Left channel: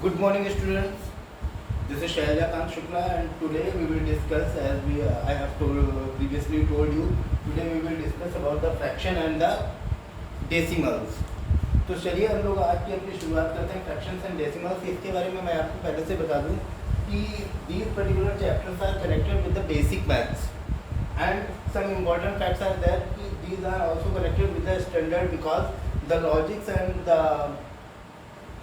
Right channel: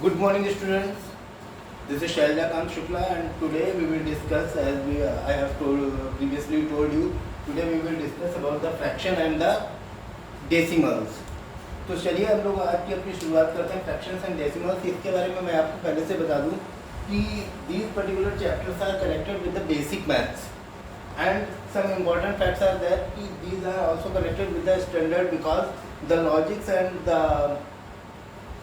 Good morning, students. This is Shaijakant Shukla, and today we will discuss, as I have previously told you, today we will discuss about the fraction and the decimals. तो चलिए हम लोग आज की अपनी शुरुआत करते हैं फ्रैक्शंस एंड डेसिमल्स। इसके बारे में मैं आपको पहले से बता दूं कि these particular chapters are connected with the basic maths and some important facts are that these are also connected with the standard because the logics and the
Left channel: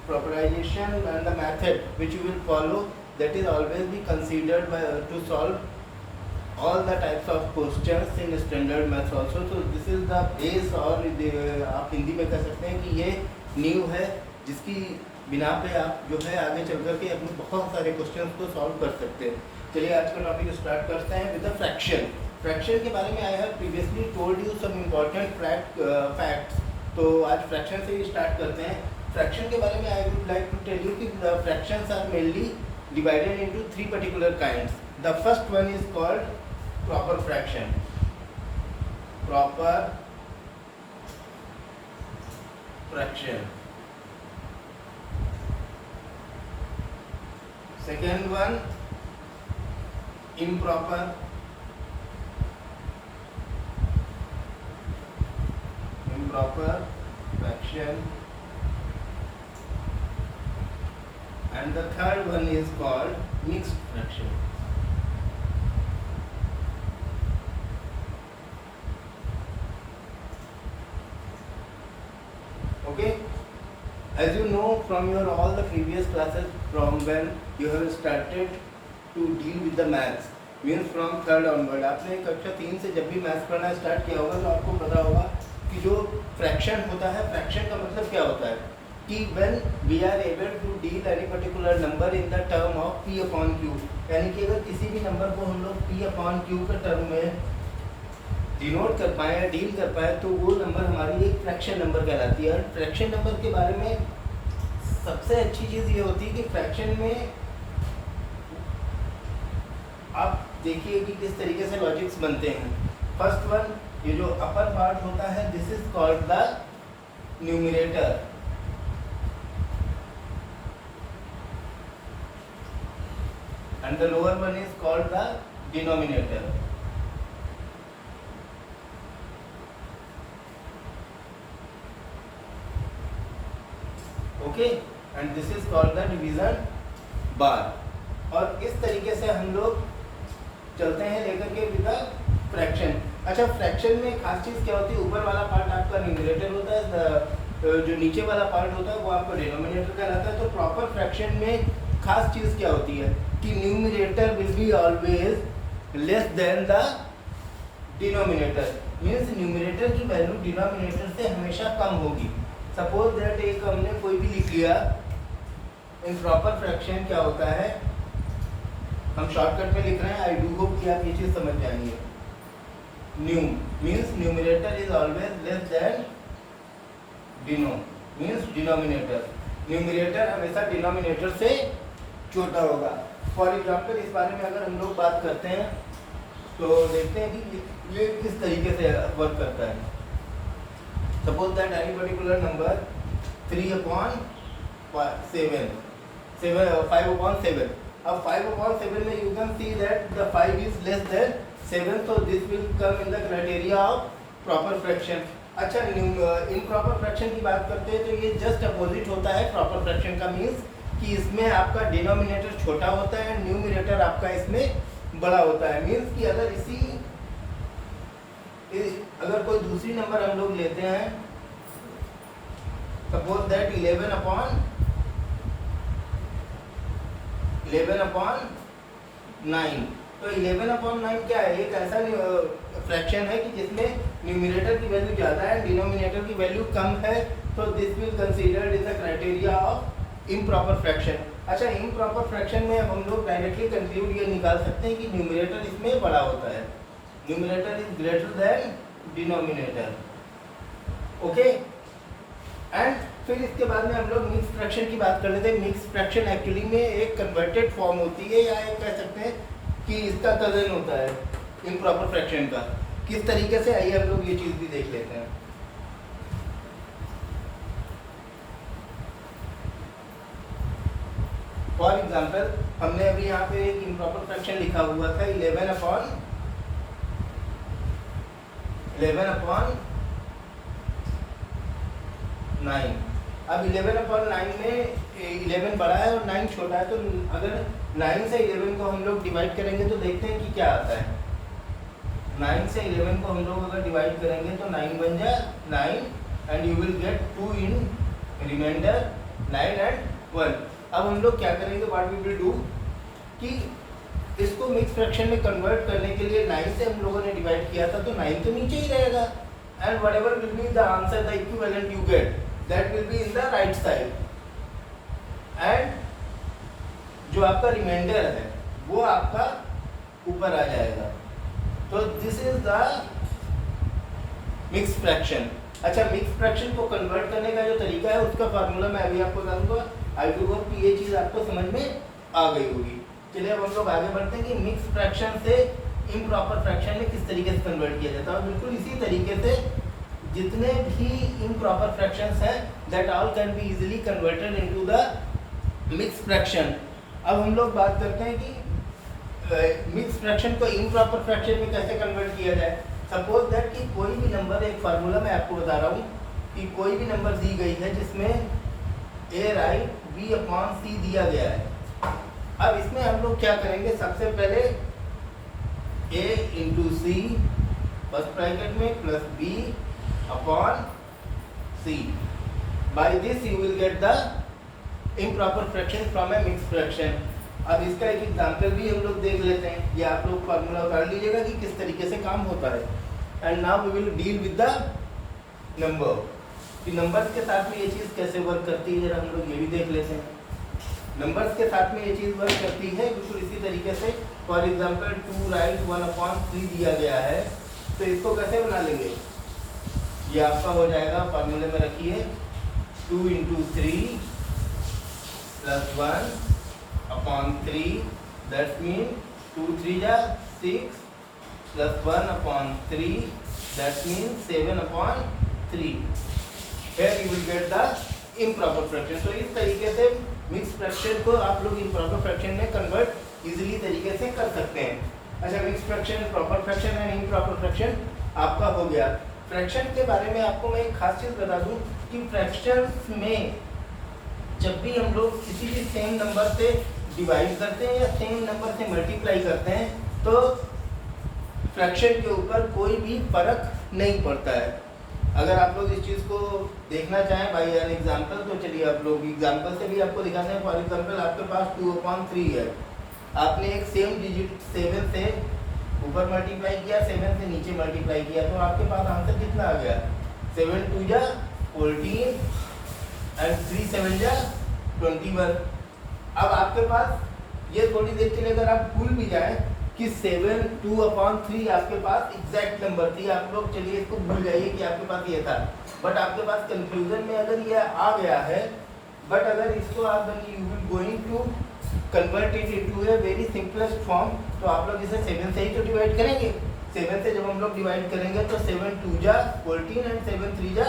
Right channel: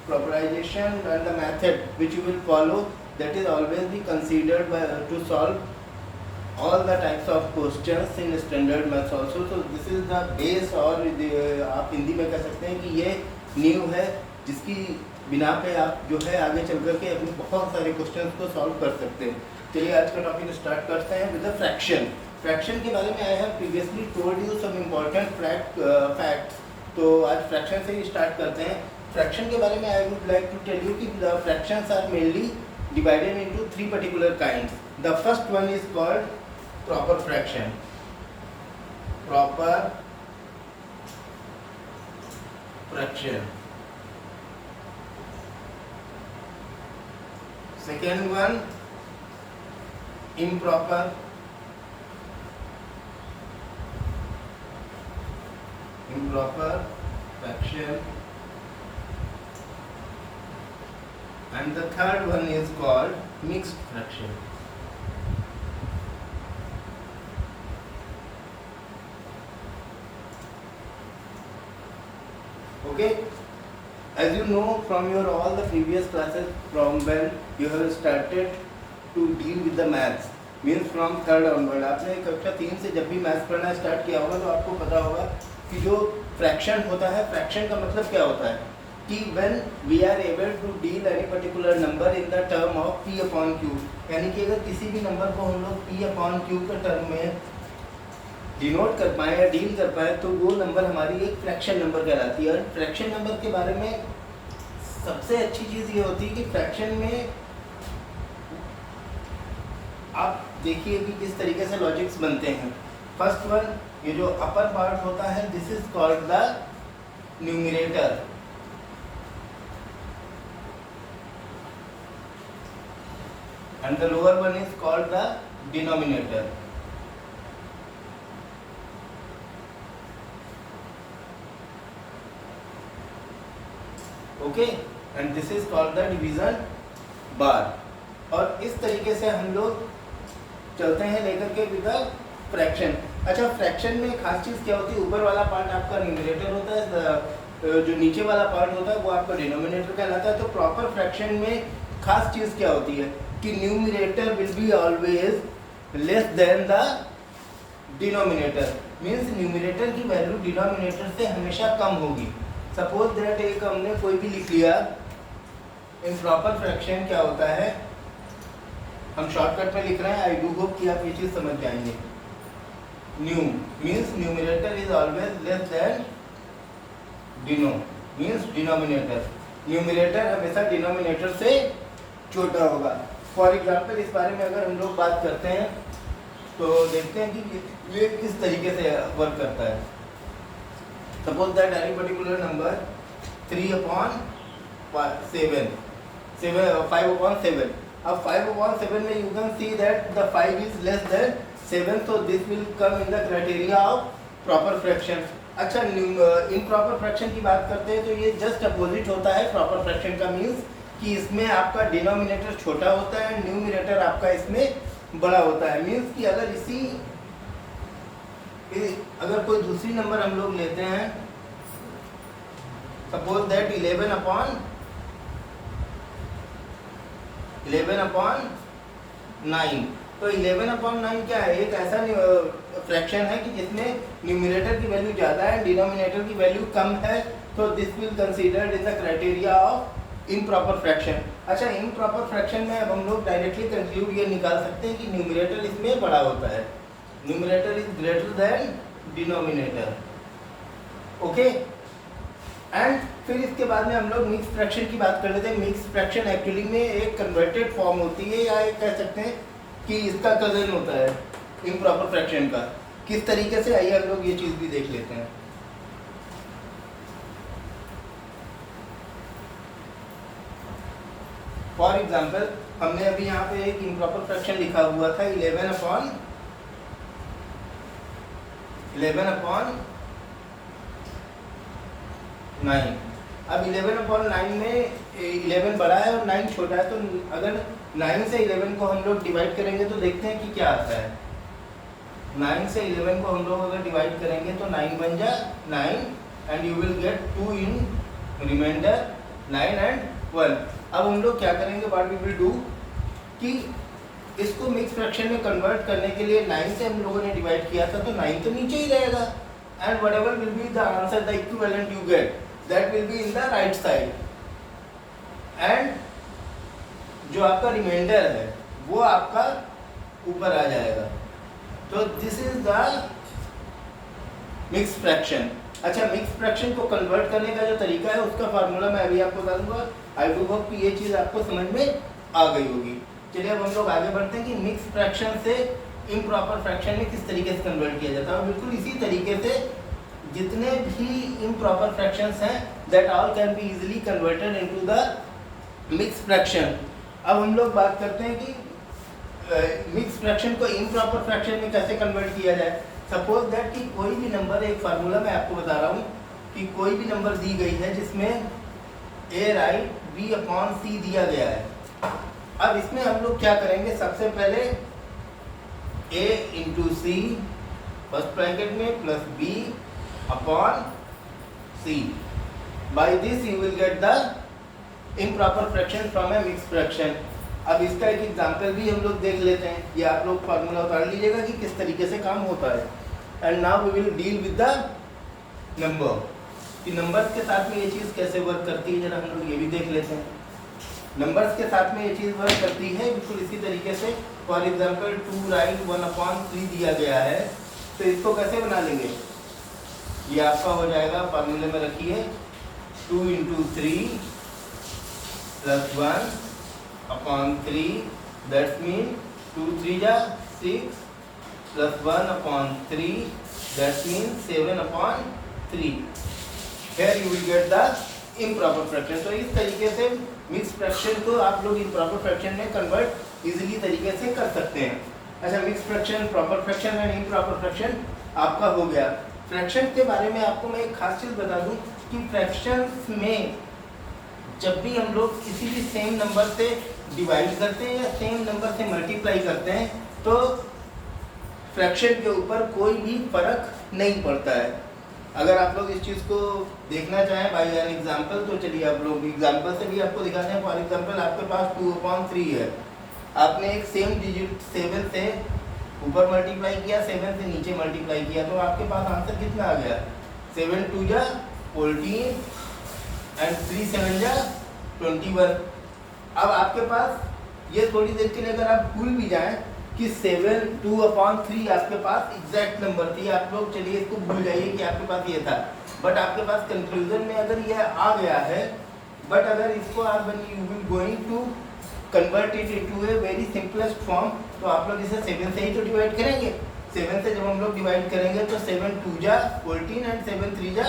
proposition and the method which you will follow, that is always be considered to solve all the types of questions in standard maths also. So this is the base, और आप हिंदी में कह सकते हैं कि ये नींव है जिसकी बिना पे आप जो है आगे चल कर के अपने बहुत सारे क्वेश्चंस को सॉल्व कर सकते हैं। चलिए आज का टॉपिक स्टार्ट करते हैं विद द फ्रैक्शन। फ्रैक्शन के बारे में I have previously told you some important facts. तो आज फ्रैक्शन से ही स्टार्ट करते हैं। फ्रैक्शन के बारे में I would like to tell you कि the fractions are mainly divided into three particular kinds. The first one is called proper fraction. Proper fraction. Second one, improper. Improper fraction. And the third one is called mixed fraction. Okay, as you know from your all the previous classes, from when you have started to deal with the maths, means from third onward, आपने कक्षा 3 से जब भी maths पढ़ना start किया होगा तो आपको पता होगा कि जो फ्रैक्शन होता है, फ्रैक्शन का मतलब क्या होता है कि when we are able to deal any particular number in the term of p upon q, यानी कि अगर किसी भी नंबर को हम लोग p upon q के टर्म में डिनोट कर पाए या डील कर पाए तो वो नंबर हमारी एक फ्रैक्शन नंबर कहलाती है। फ्रैक्शन नंबर के बारे में सबसे अच्छी चीज़ ये होती है कि फ्रैक्शन में आप देखिए कि किस तरीके से लॉजिक्स बनते हैं। फर्स्ट वन, ये जो अपर पार्ट होता है this is called the numerator, and the lower one is called the denominator. Okay, and this is called the division bar. और इस तरीके से हम लोग चलते हैं लेकर के विद फ्रैक्शन। अच्छा, फ्रैक्शन में खास चीज़ क्या होती है, ऊपर वाला पार्ट आपका न्यूमरेटर होता है, जो नीचे वाला पार्ट होता है वो आपका डिनोमिनेटर कहलाता है। तो प्रॉपर फ्रैक्शन में खास चीज़ क्या होती है कि numerator will be always less than the denominator, means numerator की वैल्यू डिनोमिनेटर से हमेशा कम होगी। सपोज दैट एक हमने कोई भी लिख लिया, इन प्रॉपर फ्रैक्शन क्या होता है, हम शॉर्टकट में लिख रहे हैं, आई डू होप कि आप ये चीज़ समझ जाएंगे। New means numerator is always less than Dino, means denominator. Numerator हमेशा डिनोमिनेटर से छोटा होगा। फॉर एग्जाम्पल इस बारे में अगर हम लोग बात करते हैं तो देखते हैं कि ये किस तरीके से वर्क करता है। Suppose that any particular number 3/7, 5/7। अब 5/7 में you can see that the 5 is less than 7, so this will come in the criteria of proper fraction. अच्छा, इम्प्रॉपर फ्रैक्शन की बात करते हैं तो ये जस्ट अपोजिट होता है प्रॉपर फ्रैक्शन का, मीन्स कि इसमें आपका डिनोमिनेटर छोटा होता है, न्यूमरेटर आपका इसमें बड़ा होता है। मीन्स कि अगर कोई दूसरी नंबर हम लोग लेते हैं, सपोज दैट 11/9, तो 11/9 क्या है, एक ऐसा फ्रैक्शन है कि जिसमें न्यूमरेटर की वैल्यू ज़्यादा है, डिनोमिनेटर की वैल्यू कम है, तो this will considered in the criteria of improper fraction. अच्छा, इम्प्रॉपर फ्रैक्शन में अब हम लोग डायरेक्टली कंक्लूड ये निकाल सकते हैं कि न्यूमरेटर इसमें बड़ा होता है, numerator is greater than denominator. Okay, and फिर इसके बाद में हम लोग मिक्स फ्रैक्शन की बात कर लेते हैं। मिक्स फ्रैक्शन एक्चुअली में एक कन्वर्टेड फॉर्म होती है, या एक कह सकते हैं कि इसका कजन होता है इम्प्रॉपर फ्रैक्शन का। किस तरीके से, आइए हम लोग ये चीज़ भी देख लेते हैं। फॉर एग्जाम्पल हमने अभी यहाँ पे एक इम्प्रॉपर फ्रैक्शन लिखा हुआ था 11 अपॉन 9। अब 11/9 में 11 बड़ा है और 9 छोटा है, तो अगर 9 से 11 को हम लोग डिवाइड करेंगे तो देखते हैं कि क्या आता है। 9 से 11 को हम लोग अगर डिवाइड करेंगे तो 9 बन जा 9 and you will get 2 in remainder 9 and 1। अब हम लोग क्या करेंगे, व्हाट वी विल डू कि इसको मिक्स फ्रैक्शन में कन्वर्ट करने के लिए 9 से हम लोगों ने डिवाइड किया था, तो 9 तो नीचे ही रहेगा and whatever will be the answer, the equivalent you get, that will be in the right side and जो आपका रिमाइंडर है वो आपका ऊपर आ जाएगा। तो this is the mix fraction. अच्छा, मिक्स फ्रैक्शन को कन्वर्ट करने का जो तरीका है उसका फार्मूला मैं अभी आपको बता दूंगा। आई डू होप कि ये चीज़ आपको समझ में आ गई होगी। चलिए अब हम लोग आगे बढ़ते हैं कि मिक्स फ्रैक्शन से इम्प्रॉपर फ्रैक्शन में किस तरीके से कन्वर्ट किया जाता है। और बिल्कुल इसी तरीके से जितने भी इम्प्रॉपर फ्रैक्शंस हैं that all can be easily converted into the mix fraction. अब हम लोग बात करते हैं कि मिक्स फ्रैक्शन को इम्प्रॉपर फ्रैक्शन में कैसे कन्वर्ट किया जाए। सपोज दैट कि कोई भी नंबर, एक फार्मूला मैं आपको बता रहा हूँ कि कोई भी नंबर दी गई है जिसमें a राइट b/c दिया गया है। अब इसमें हम लोग क्या करेंगे, सबसे पहले a into c first bracket में plus b upon c। By this you will get the improper fraction from a mix fraction. अब इसका एक एग्जांपल भी हम लोग देख लेते हैं। ये आप लोग फार्मूला उतार लीजिएगा कि किस तरीके से काम होता है। And now we will deal with the number, कि नंबर्स के साथ में ये चीज़ कैसे वर्क करती है, जरा हम लोग ये भी देख लेते हैं। नंबर्स के साथ में ये चीज़ वर्क करती है बिल्कुल इसी तरीके से। फॉर एग्जांपल 2 राइट 1/3 दिया गया है, तो इसको कैसे बना लेंगे, ये आपका हो जाएगा, फार्मूले में रखिए 2 इंटू 3 प्लस 1/3, दैट्स मीन 2 3 जा 6 plus 1/3, that's mean 7/3। Here you will get the improper fraction। तो इस तरीके से मिक्स फ्रैक्शन को आप लोग इम्प्रॉपर फ्रैक्शन में कन्वर्ट इजीली तरीके से कर सकते हैं। अच्छा, mix fraction, proper fraction and improper fraction आपका हो गया। फ्रैक्शन के बारे में आपको मैं एक खास चीज़ बता दूं कि फ्रैक्शंस में जब भी हम लोग किसी भी सेम नंबर से डिवाइड करते हैं या सेम नंबर से मल्टीप्लाई करते हैं तो फ्रैक्शन के ऊपर कोई भी फर्क नहीं पड़ता है। अगर आप लोग इस चीज़ को देखना चाहें बाय एन एग्जांपल, तो चलिए आप लोग एग्जांपल से भी आपको दिखाते हैं। फॉर एग्जांपल आपके पास 2/3 है, आपने एक सेम डिजिट 7 से ऊपर मल्टीप्लाई किया, 7 से नीचे मल्टीप्लाई किया, तो आपके पास आंसर कितना आ गया, 7 2 जा 14 एंड 3 7 जा 21। अब आपके पास ये थोड़ी देर के लिए अगर आप भूल भी जाएं कि 7 2/3 आपके पास एग्जैक्ट नंबर थी, आप लोग चलिए इसको भूल जाइए कि आपके पास ये था, बट आपके पास कंक्लूजन में अगर ये आ गया है, बट अगर इसको आप you will going to convert it into a very simplest form, तो आप लोग इसे 7 से ही तो डिवाइड करेंगे। 7 से जब हम लोग डिवाइड करेंगे तो 7 2 जा 14 एंड 7 3 जा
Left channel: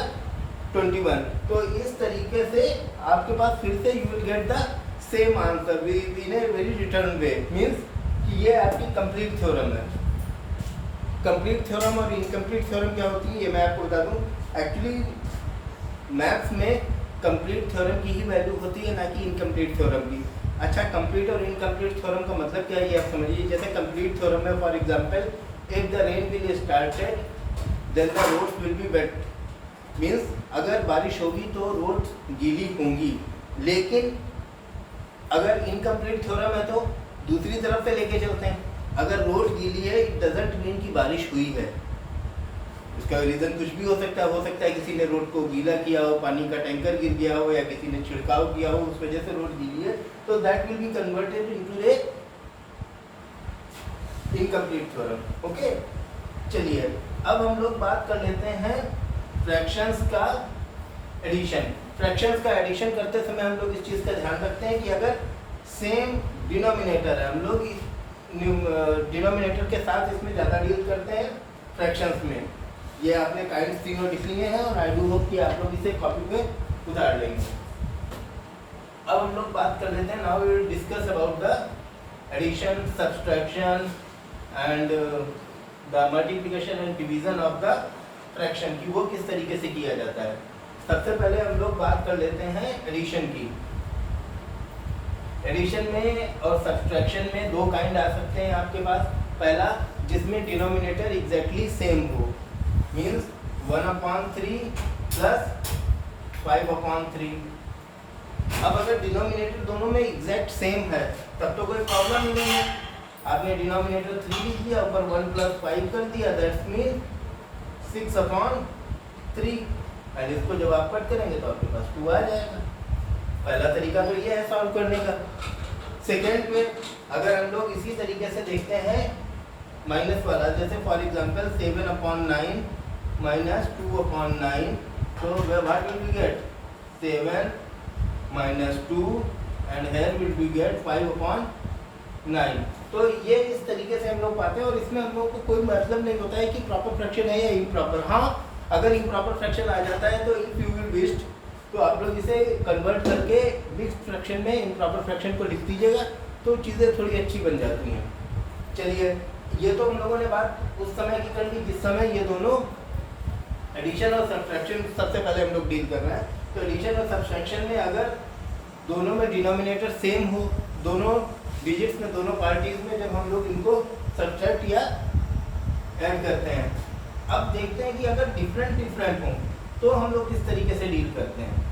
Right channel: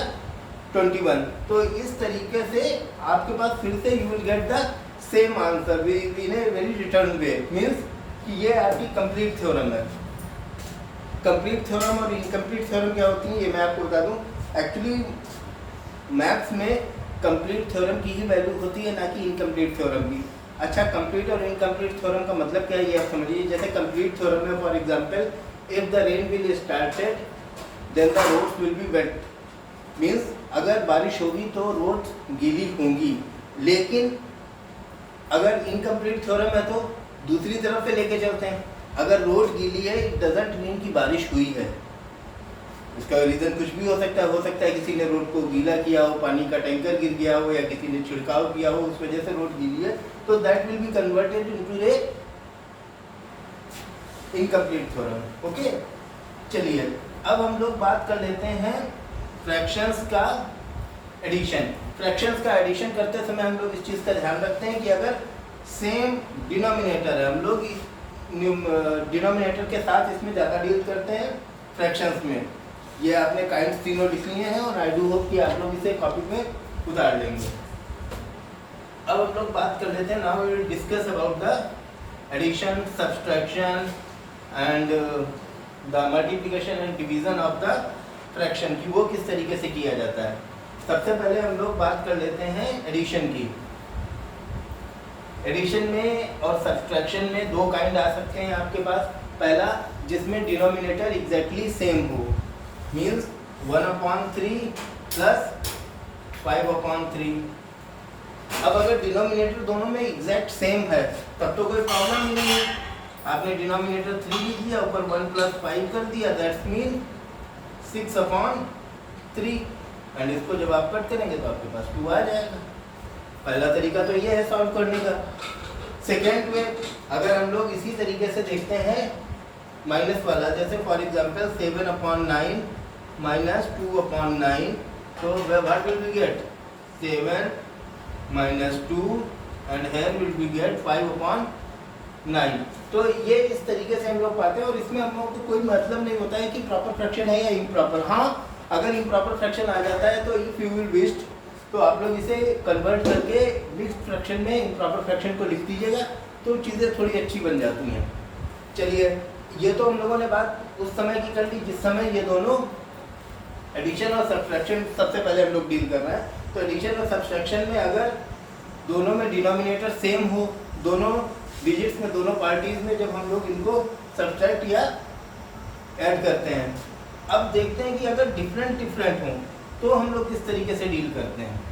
21। तो इस तरीके से आपके पास फिर से you will get the same answer in a very return way, means कि ये आपकी कंप्लीट थ्योरम है। कंप्लीट थ्योरम और इनकम्प्लीट थ्योरम क्या होती है ये मैं आपको बता दूं। एक्चुअली मैथ्स में कंप्लीट थ्योरम की ही वैल्यू होती है, ना कि इनकम्प्लीट थ्योरम की। अच्छा, कंप्लीट और इनकम्प्लीट थ्योरम का मतलब क्या है ये आप समझिए। जैसे कंप्लीट थ्योरम में for example if the rain will started then the roads will be wet, means अगर बारिश होगी तो रोड गीली होंगी। लेकिन अगर इनकम्प्लीट थ्योरम है तो दूसरी तरफ से लेके चलते हैं, अगर रोड गीली है इट डजंट मीन कि बारिश हुई है। इसका रीज़न कुछ भी हो सकता है किसी ने रोड को गीला किया हो, पानी का टैंकर गिर गया हो, या किसी ने छिड़काव किया हो, उस वजह से रोड गीली है, तो that will be converted into A incomplete theorem. Okay, चलिए अब हम लोग बात कर लेते हैं फ्रैक्शंस का एडिशन। फ्रैक्शंस का एडिशन करते समय हम लोग इस चीज़ का ध्यान रखते हैं कि अगर सेम डिनोमिनेटर है, हम लोग डिनोमिनेटर के साथ इसमें ज़्यादा डील करते हैं फ्रैक्शंस में। ये आपने काइंड्स तीनों लिख लिए हैं और आई डू होप कि आप लोग इसे कॉपी पे उतार लेंगे। अब हम लोग बात कर लेते हैं, now we will discuss about the addition, subtraction and the multiplication and division of the fraction की, वो किस तरीके से किया जाता है। सबसे पहले हम लोग बात कर लेते हैं एडिशन की। एडिशन में और सब्सट्रैक्शन में दो काइंड आ सकते हैं आपके पास। पहला, जिसमें डिनोमिनेटर एग्जैक्टली सेम हो, मीन्स 1/3 प्लस 5/3। अब अगर डिनोमिनेटर दोनों में एग्जैक्ट सेम है तब तो कोई प्रॉब्लम ही नहीं है। आपने डिनोमिनेटर 3 लिख दिया, ऊपर 1 + 5 कर दिया, दैट्स मीन 6/3। एंड इसको जब आप कट करेंगे तो आपके पास 2 आ जाएगा। पहला तरीका तो ये है सॉल्व करने का। सेकेंड में अगर हम लोग इसी तरीके से देखते हैं माइनस वाला, जैसे फॉर एग्जांपल 7/9 माइनस 2/9, तो what will we get 7 minus 2 and here will be get 5/9। तो ये इस तरीके से हम लोग पाते हैं और इसमें हम लोगों को कोई मतलब नहीं होता है कि प्रॉपर फ्रैक्शन है या इम्प्रॉपर। हाँ, अगर इम्प्रॉपर फ्रैक्शन आ जाता है तो इफ यू विल विश तो आप लोग इसे कन्वर्ट करके मिक्स्ड फ्रैक्शन में इम्प्रॉपर फ्रैक्शन को लिख दीजिएगा, तो चीज़ें थोड़ी अच्छी बन जाती हैं। चलिए, ये तो हम लोगों ने बात उस समय की कर ली जिस समय ये दोनों एडिशन और सब्सट्रैक्शन सबसे पहले हम लोग डील कर रहे हैं। तो एडिशन और सब्सट्रैक्शन में अगर दोनों में डिनोमिनेटर सेम हो, दोनों डिजिट्स में, दोनों पार्टीज में, जब हम लोग इनको सब्ट्रैक्ट या ऐड करते हैं। अब देखते हैं कि अगर डिफरेंट हो तो हम लोग किस तरीके से डील करते हैं।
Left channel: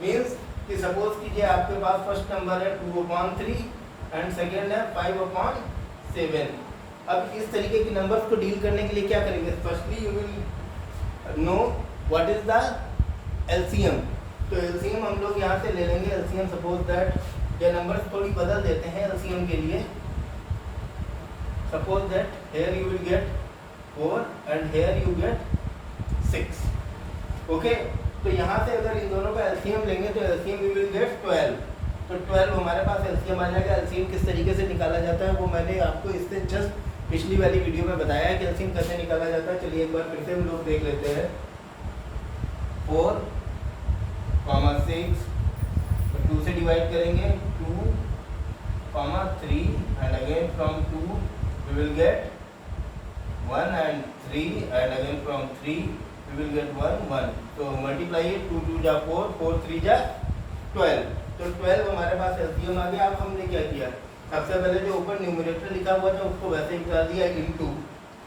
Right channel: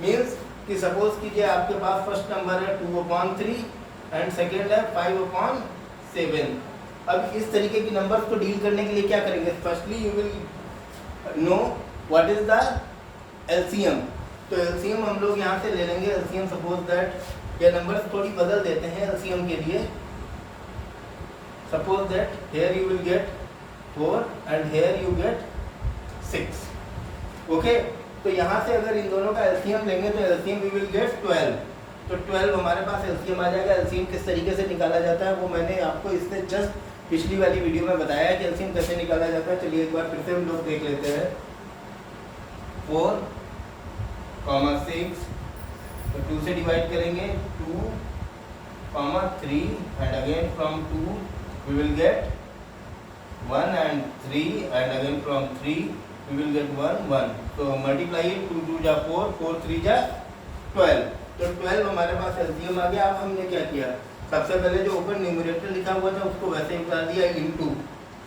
मीन्स कि सपोज कीजिए आपके पास फर्स्ट नंबर है 2/3 एंड सेकेंड है 5/7। अब इस तरीके की नंबर्स को डील करने के लिए क्या करेंगे, firstly you will know what is the LCM. तो एलसीएम हम लोग यहाँ से ले लेंगे। एलसीएम सपोज दैट ये नंबर्स थोड़ी बदल देते हैं एलसीएम के लिए। Suppose that here you will get 4 and here you get 6। Okay, तो यहाँ से अगर इन दोनों का एलसीएम लेंगे तो एलसीएम वी विल गेट 12। तो 12 हमारे पास एलसीएम आ जाएगा। एलसीएम किस तरीके से निकाला जाता है वो मैंने आपको इससे जस्ट पिछली वाली वीडियो में बताया है कि एलसीएम कैसे निकाला जाता है। चलिए एक बार फिर से हम लोग देख लेते हैं। 4, 6, तो 2 से डिवाइड करेंगे 2, 3 and again from 2 we will get 1 and 3 and again from 3 we will get 1, 1। तो मल्टीप्लाई इट, 2 2 जा 4, 4 3 जा 12। तो 12 हमारे पास एलसीएम आ गया। अब हमने क्या किया, सबसे पहले जो ऊपर न्यूमरेटर लिखा हुआ था उसको वैसे ही उतार दिया, इनटू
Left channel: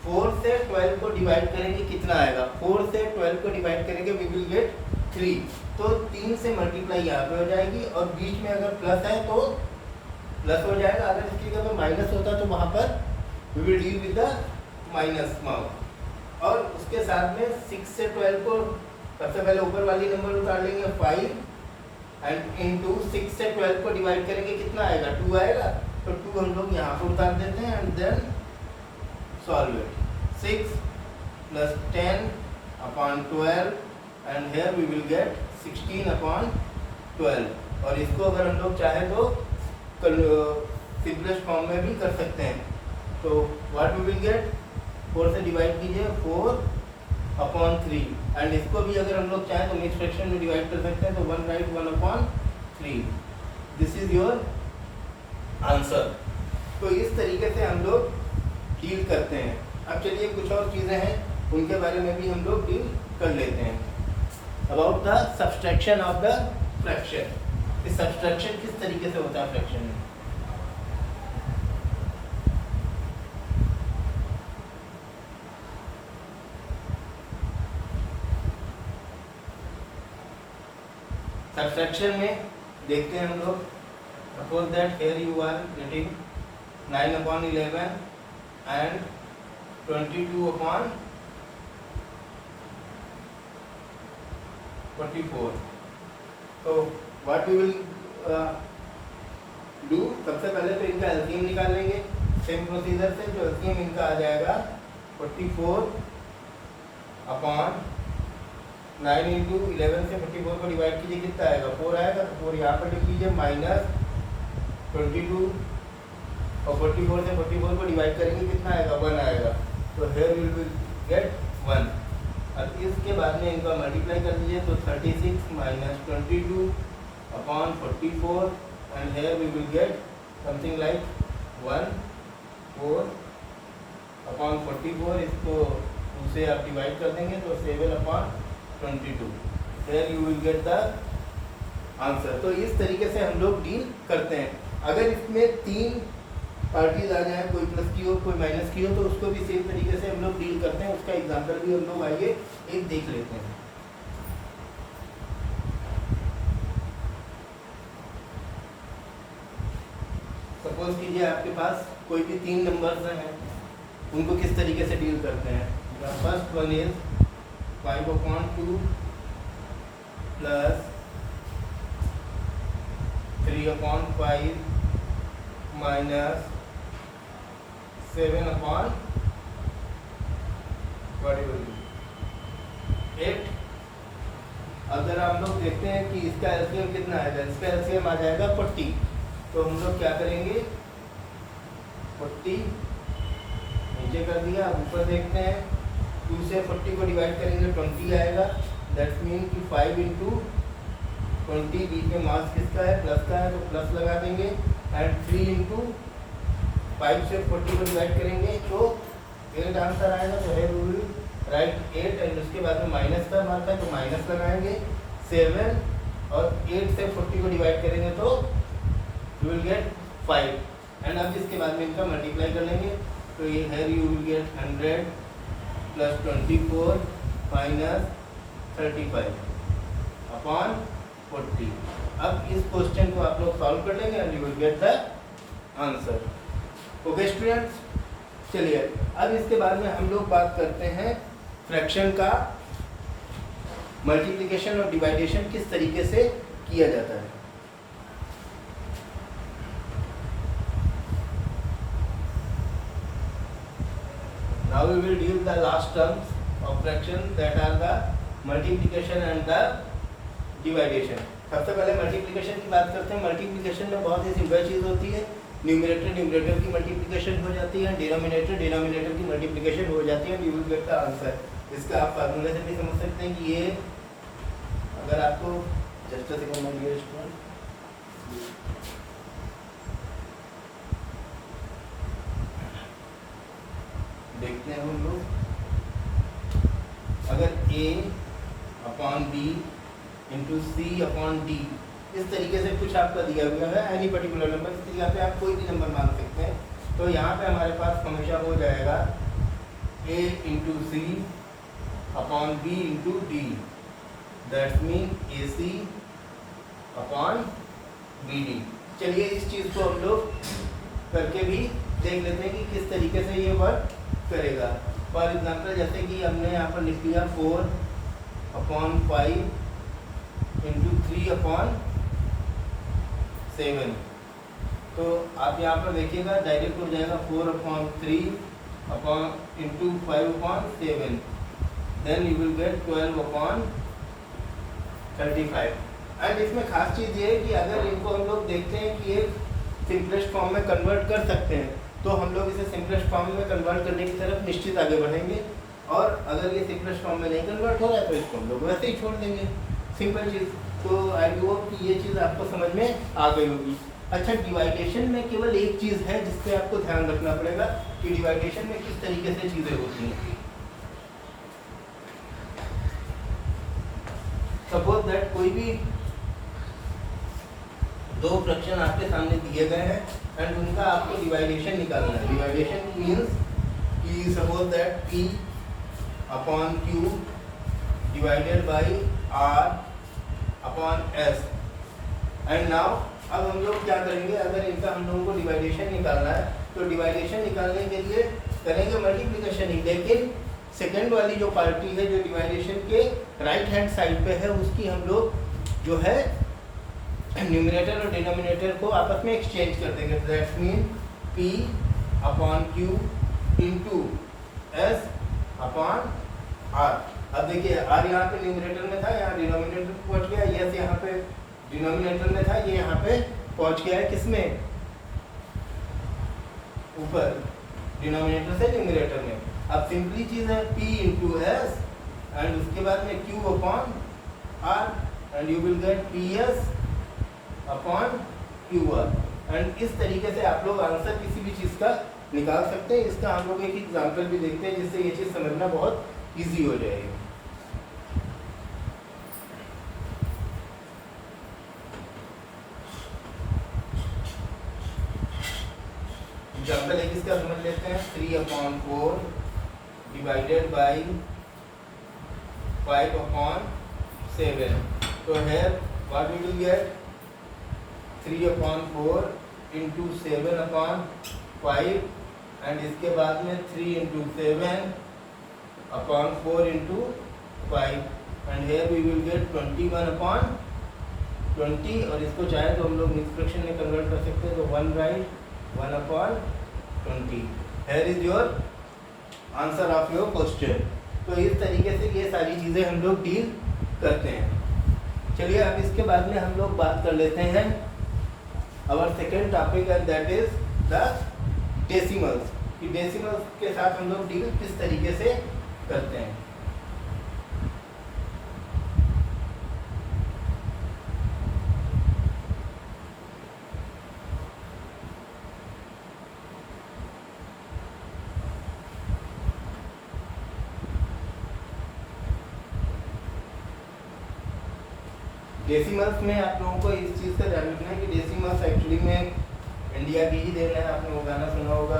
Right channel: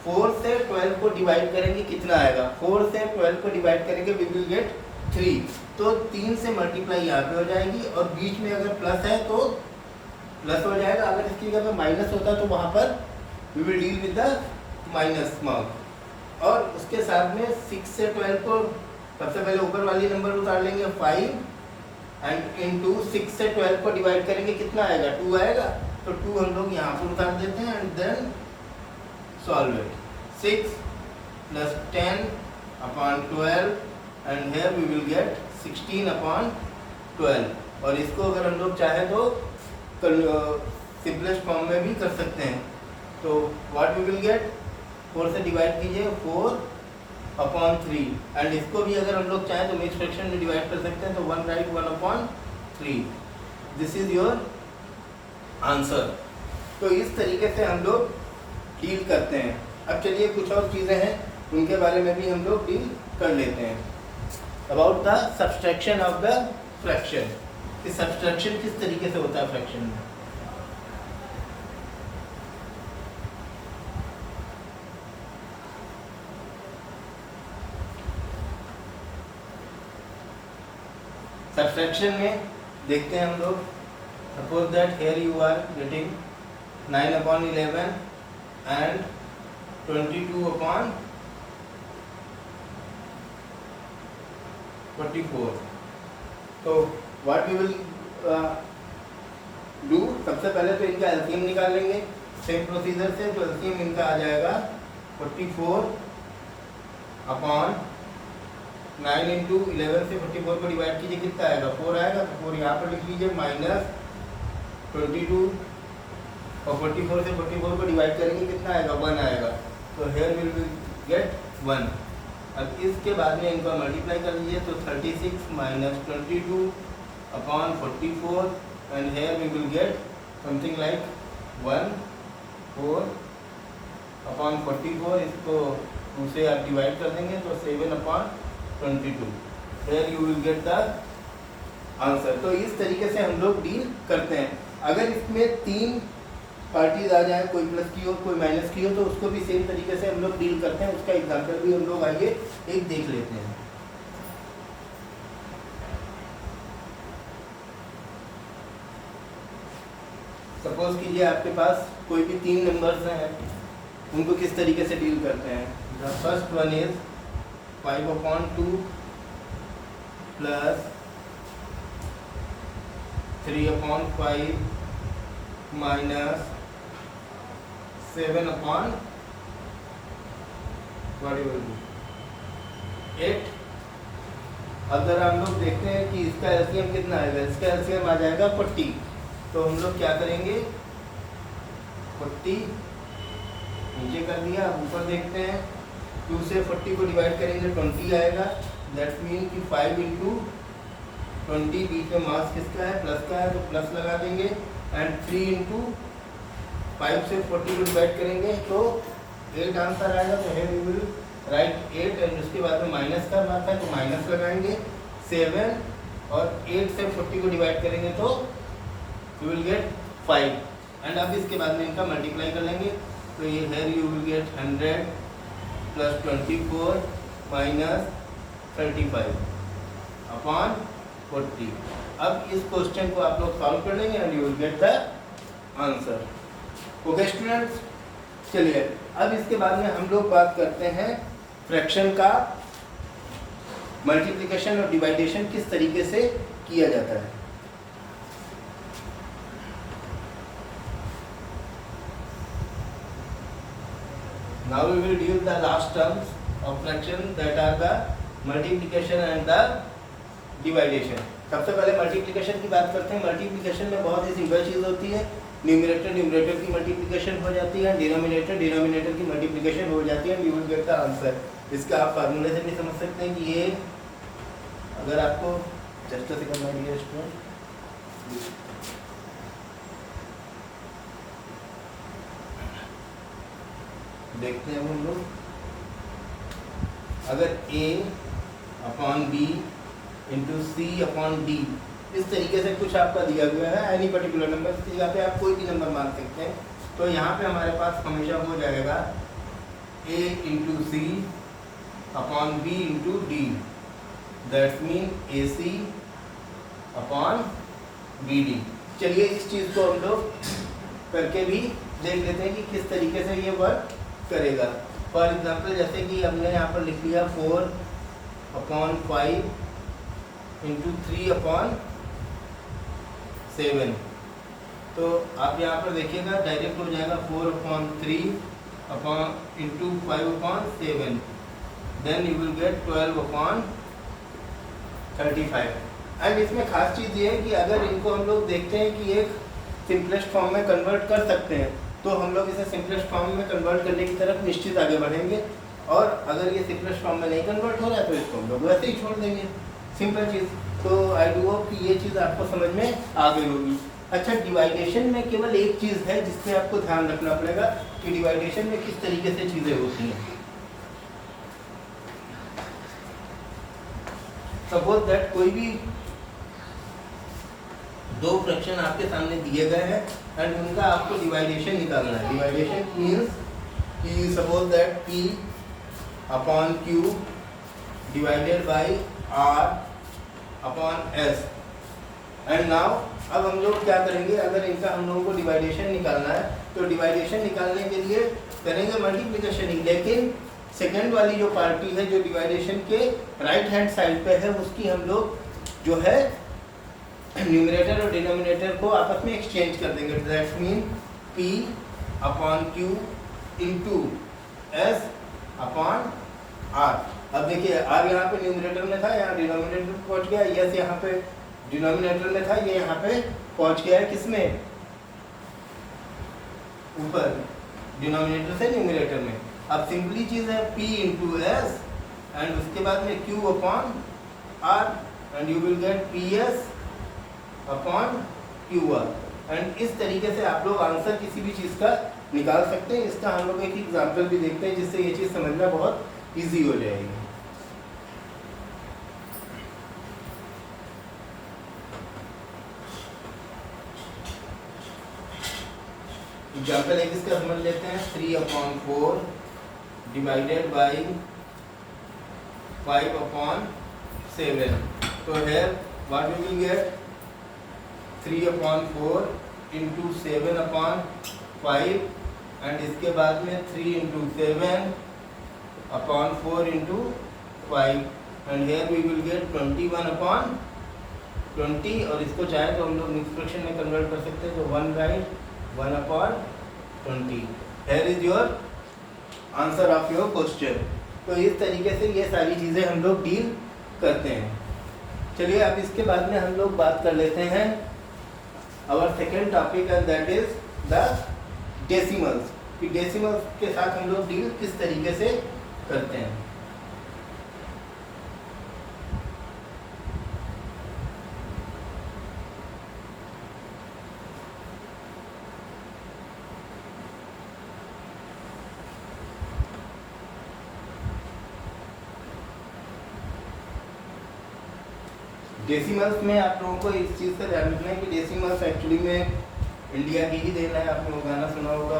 4 से 12 को डिवाइड करेंगे कितना आएगा, 4 से 12 को डिवाइड करेंगे वी विल गेट 3। तो 3 से मल्टीप्लाई यहाँ पे हो जाएगी और बीच में अगर प्लस है तो प्लस हो जाएगा। अगर इसकी जगह माइनस होता तो वहाँ पर we will deal with the minus mark. और उसके साथ में 6 से 12 को सबसे पहले ऊपर वाली नंबर उतार लेंगे 5 एंड इनटू 6 से 12 को डिवाइड करेंगे कितना आएगा, 2 आएगा। तो 2 हम लोग यहाँ पर उतार देते हैं and then solve it. 6 + 10/12 and here we will get 16/12। और इसको अगर हम लोग चाहे तो सिंपलेस्ट फॉर्म में भी कर सकते हैं। तो व्हाट वी विल गेट, 4 से डिवाइड कीजिए 4/3 एंड इसको भी अगर हम लोग चाहें तो मिक्स फ्रैक्शन में डिवाइड कर सकते हैं। तो 1 right 1/3। This is your answer. तो इस तरीके से हम लोग डील करते हैं। अब चलिए कुछ और चीज़ें हैं उनके बारे में भी हम लोग डील कर लेते हैं। About the subtraction of the fraction. कि सब्सट्रैक्शन किस तरीके से होता है फ्रैक्शन में। सब्सट्रैक्शन में देखते हैं हम लोग, suppose that here you are getting 9/11 and 22/44। तो व्हाट वी विल डू, सबसे पहले तो इनका एलसीएम निकाल लेंगे सेम प्रोसीजर से। जो एलसीएम इनका आ जाएगा 44/9 इंटू 11 से 44 को डिवाइड कीजिए कितना आएगा, 4 आएगा। तो 4 यहाँ पर लिख लीजिए, माइनस 22 और 44 से 44 को डिवाइड करेंगे कितना आएगा, 1 आएगा। तो हेयर विल गेट 1। अब इसके बाद में इनको मल्टीप्लाई कर दीजिए तो 36 minus 22 upon 44 and here we will get something like 1 4 upon 44, इसको 2 से आप डिवाइड कर देंगे तो 7 upon 22, here you will get the answer. तो इस तरीके से हम लोग डील करते हैं। अगर इसमें 3 पार्टीज आ जाए, कोई प्लस की हो कोई माइनस की हो, तो उसको भी सेम तरीके से हम लोग डील करते हैं। उसका एग्जांपल भी हम लोग आइए एक देख लेते हैं। सपोज कीजिए आपके पास कोई भी 3 नंबर्स हैं, उनको किस तरीके से डील करते हैं। The first one is 5/2 plus 3/5 minus 7/8। अगर हम लोग देखते हैं कि इसका एलसीएम कितना आएगा, इसका एलसीएम आ जाएगा 40, तो हम लोग क्या करेंगे 40 नीचे कर दिया, ऊपर देखते हैं 2 से 40 को डिवाइड करेंगे 20 आएगा। दैट मीन कि 5 इंटू 20, बीच में मास किसका है प्लस का है तो प्लस लगा देंगे, एंड 3 इंटू 5 से 40 को डिवाइड करेंगे तो 8 आंसर आएगा। तो है वी विल राइट 8, एंड उसके बाद में माइनस का मार्क है तो माइनस लगाएंगे 7, और 8 से 40 को डिवाइड करेंगे तो यू विल गेट 5, एंड अब इसके बाद में इनका मल्टीप्लाई कर लेंगे तो ये है you will gate 100 plus 24 minus 35 upon 40। अब इस क्वेश्चन को आप लोग सॉल्व कर लेंगे and you will get the answer. Okay students, चलिए अब इसके बाद में हम लोग बात करते हैं फ्रैक्शन का मल्टीप्लिकेशन और डिवाइडेशन किस तरीके से किया जाता है। Now we will deal the last terms of fraction, that are the multiplication and the division। सबसे पहले मल्टीप्लिकेशन की बात करते हैं। मल्टीप्लिकेशन में बहुत ही सिंपल चीज़ होती है, न्यूमरेटर न्यूमरेटर की मल्टीप्लिकेशन हो जाती है, डिनोमिनेटर डिनोमिनेटर की मल्टीप्लिकेशन हो जाती है, you will get the answer. इसका आप फार्मूले से भी समझ सकते हैं कि ये, अगर आपको just second my dear student, देखते हैं हम लोग, अगर a upon b into C upon D, इस तरीके से कुछ आपका दिया हुआ है, एनी पर्टिकुलर नंबर, इस जगह पे आप कोई भी नंबर मान सकते हैं। तो यहाँ पे हमारे पास हमेशा हो जाएगा a into C upon b into D, that's mean A C upon B D. चलिए इस चीज़ को हम लोग करके भी देख लेते हैं कि किस तरीके से ये वर्क करेगा। फॉर एग्जाम्पल जैसे कि हमने यहाँ पर लिख दिया 4/5 इंटू 3/7, तो आप यहाँ पर देखिएगा डायरेक्ट हो जाएगा 4/3 into 5/7, then you will get 12/35। And इसमें खास चीज़ ये है कि अगर इनको हम लोग देखते हैं कि एक सिंपलेस्ट फॉर्म में कन्वर्ट कर सकते हैं, तो हम लोग इसे सिंपलेस्ट फॉर्म में कन्वर्ट करने की तरफ निश्चित आगे बढ़ेंगे, और अगर ये सिंपलेस्ट फॉर्म में नहीं कन्वर्ट हो रहा है तो इसको हम लोग वैसे ही छोड़ देंगे, सिंपल चीज़। तो आई डू होप कि ये चीज़ आपको समझ में आ गई होगी। अच्छा, डिवाइडेशन में केवल एक चीज़ है जिससे आपको ध्यान रखना पड़ेगा कि डिवाइडेशन में किस तरीके से चीज़ें होती हैं। सपोज दैट कोई भी 2 फ्रैक्शन आपके सामने दिए गए हैं एंड उनका आपको डिवाइडेशन निकालना है। डिवाइडेशन मीन्स कि suppose that P upon Q divided by R upon S, and now अब हम लोग क्या करेंगे, अगर इनका हम लोगों को डिवाइडेशन निकालना है तो डिवाइडेशन निकालने के लिए करेंगे मल्टीप्लिकेशन ही, लेकिन सेकेंड वाली जो पार्टी है जो डिवाइडेशन के राइट हैंड साइड पे है, उसकी हम लोग जो है न्यूमरेटर और डिनोमिनेटर को आपस में एक्सचेंज कर देंगे। That mean P upon Q into S upon R। अब देखिए R यहाँ पे न्यूमरेटर में था, यहाँ डिनोमिनेटर में पहुँच गया, S यहाँ पे डिनोमिनेटर में था, ये यहाँ पे पहुँच गया है किसमें, ऊपर डिनोमिनेटर से न्यूमरेटर में। अब सिंपली चीज़ है P इंटू S एंड उसके बाद में Q upon R and you will gate PS upon QR। And इस तरीके से आप लोग आंसर किसी भी चीज़ का निकाल सकते हैं। इसका हम लोग एक एग्जाम्पल भी देखते हैं जिससे ये चीज़ समझना बहुत ईजी हो जाएगी। एग्जाम्पल एक इसका समझ लेते हैं। 3/4 डिवाइडेड बाई 5/7। तो है what we will get 3/4 into 7/5 and इसके बाद में 3 into 7/4 into 5 and here we will get 21/20 और इसको चाहे तो हम लोग मिक्स फ्रैक्शन में कन्वर्ट कर सकते हैं। तो 1 right 1/20। Here is your answer of your question. तो इस तरीके से ये सारी चीज़ें हम लोग डील करते हैं। चलिए अब इसके बाद में हम लोग बात कर लेते हैं our second topic and that is the decimals. कि डेसिमल्स के साथ हम लोग डील किस तरीके से करते हैं। डेसिमल्स में आप लोगों को इस चीज़ का ध्यान रखना है कि डेसिमल्स एक्चुअली में इंडिया की ही देन है। आपने वो गाना सुना होगा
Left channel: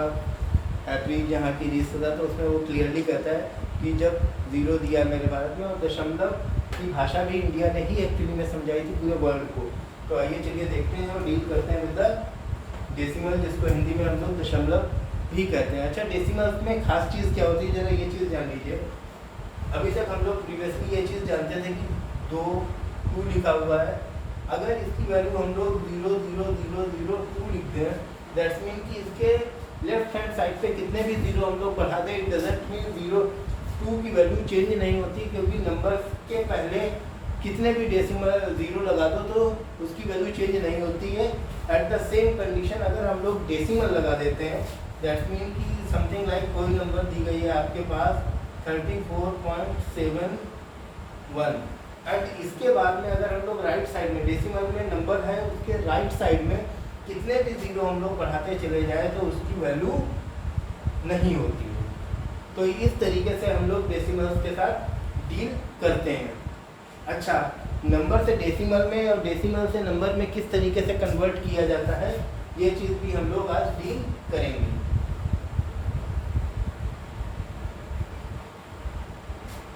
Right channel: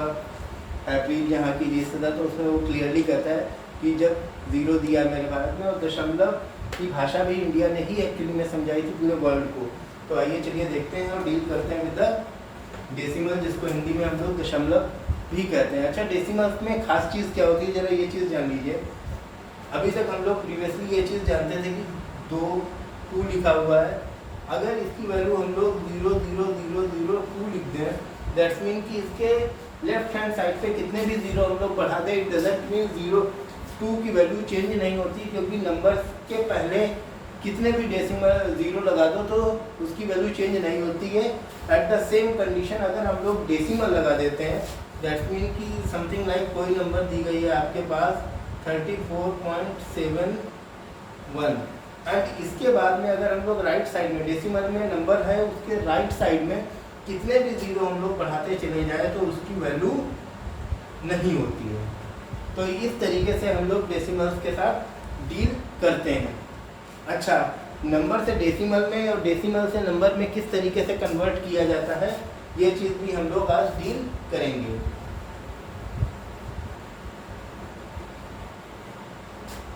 हैप्पी यहाँ की रिश्तेदार, तो उसमें वो क्लियरली कहता है कि जब ज़ीरो दिया मेरे भारत में, और दशमलव की भाषा भी इंडिया ने ही एक्चुअली में समझाई थी पूरे वर्ल्ड को। तो आइए चलिए देखते हैं और डील करते हैं विद द डेसिमल, जिसको हिंदी में हम लोग दशमलव भी कहते हैं। अच्छा, डेसिमल्स में खास चीज़ क्या होती है, ज़रा ये चीज़ जान लीजिए। अभी तक हम लोग प्रीवियसली ये चीज़ जानते थे कि 2 लिखा हुआ है। अगर इसकी वैल्यू हम लोग 0.000002 लिख दें, दैट्स मीन कि इसके लेफ्ट हैंड साइड पे कितने भी जीरो हम लोग बढ़ा दें, इट डजंट मीन 0.2 की वैल्यू चेंज नहीं होती, क्योंकि नंबर्स के पहले कितने भी डेसिमल जीरो लगा दो तो उसकी वैल्यू चेंज नहीं होती है। एट द सेम कंडीशन अगर हम लोग डेसिमल लगा देते हैं, दैट्स मीन कि समथिंग लाइक कोई नंबर दी गई है आपके पास 34.71 एंड इसके बाद में अगर हम लोग राइट साइड में डेसिमल में नंबर है उसके राइट साइड में कितने भी जीरो हम लोग बढ़ाते चले जाए तो उसकी वैल्यू नहीं होती है। तो इस तरीके से हम लोग डेसिमल्स के साथ डील करते हैं। अच्छा, नंबर से डेसिमल में और डेसिमल से नंबर में किस तरीके से कन्वर्ट किया जाता है, ये चीज़ भी हम लोग आज डील करेंगे।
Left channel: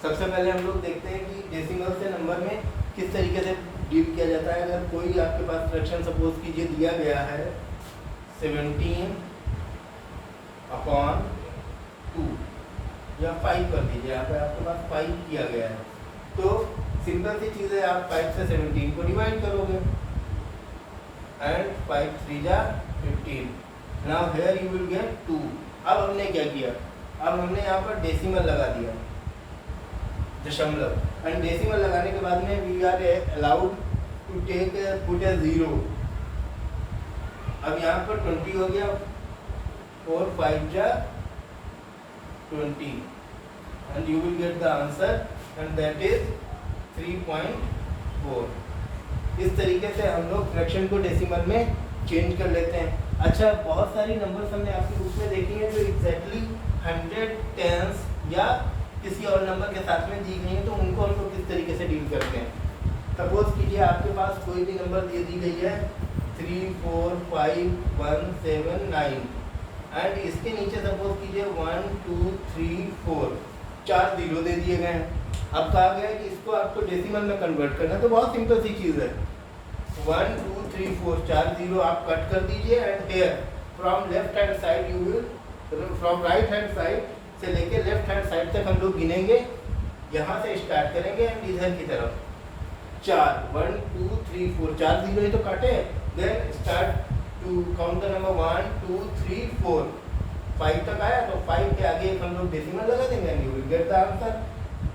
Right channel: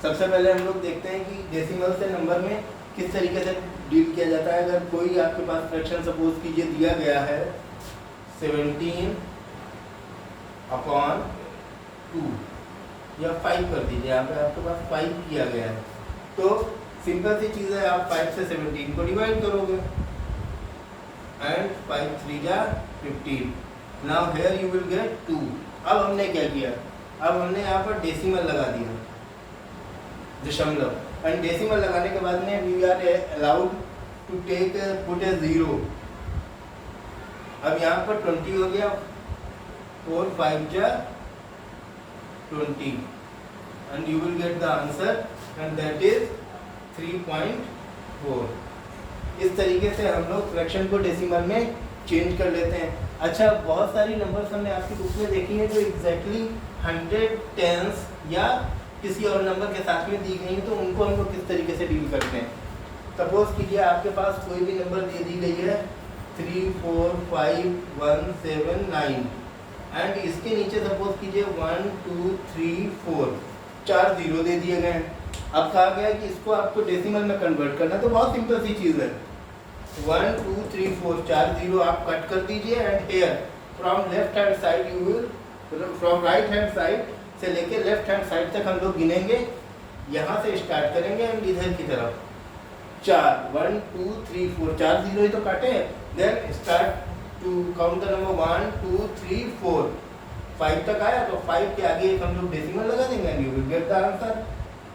सबसे पहले हम लोग देखते हैं कि डेसिमल से नंबर में किस तरीके से डील किया जाता है। अगर कोई आपके पास फ्रैक्शन सपोज कीजिए दिया गया है 17/2 या 5 कर दीजिए, यहाँ पे आपके पास 5 किया गया है, तो सिंपल सी चीज़ है, आप 5 से 17 को डिवाइड करोगे एंड 5 3 जा 15। Now here you will get 2। अब हमने क्या किया, अब हमने यहाँ पर डेसिमल लगा दिया दशमलव, एंड डेसिमल लगाने के बाद में we are allowed to take put a 0। अब यहाँ पर 20 हो गया, 4 5 जा 20 and you will get the answer and that is 3.4। इस तरीके से हम लोग फ्रैक्शन को डेसिमल में चेंज कर लेते हैं। अच्छा, बहुत सारी नंबर्स हमने आपकी बुक में देखी है जो एग्जैक्टली 100 टेंस या किसी और नंबर के साथ में दी गई है, तो उनको हम लोग किस तरीके से डील करते हैं। सपोज कीजिए आपके पास कोई भी नंबर दे दी गई है 3 4 5 1 7 9 एंड इसके नीचे सपोज कीजिए 1 2 3 4 4 जीरो दे दिए गए हैं। अब कहा गया है कि इसको आपको डेसिमल में कन्वर्ट करना है, तो बहुत सिंपल सी चीज़ है। 1 2 3 4 4 जीरो आप कट कर दीजिए and here from left hand side you will, from right hand side से लेके लेफ्ट हैंड साइड तक हम लोग गिनेंगे, यहाँ से स्टार्ट करेंगे एंड इधर की तरफ 4 1 2 3 4 4 जीरो ही तो काटे हैं। Then start to count the number 1 2 3 4 5 तक आया, तो 5 के आगे एक हम लोग डेसिमल लगा देंगे and you will get the answer